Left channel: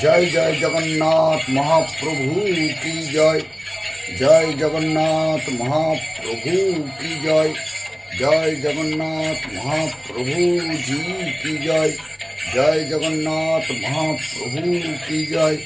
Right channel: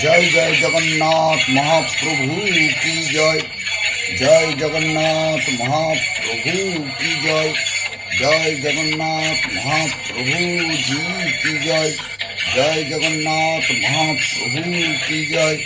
জয় জয় জগন্নাথ মহাপ্রভু কি জয়। জয় জগন্নাথ মহাপ্রভু কি জয়। জয় জগন্নাথ মহাপ্রভু জি কি জয়। জয় জগন্নাথ মহাপ্রভু কি জয়।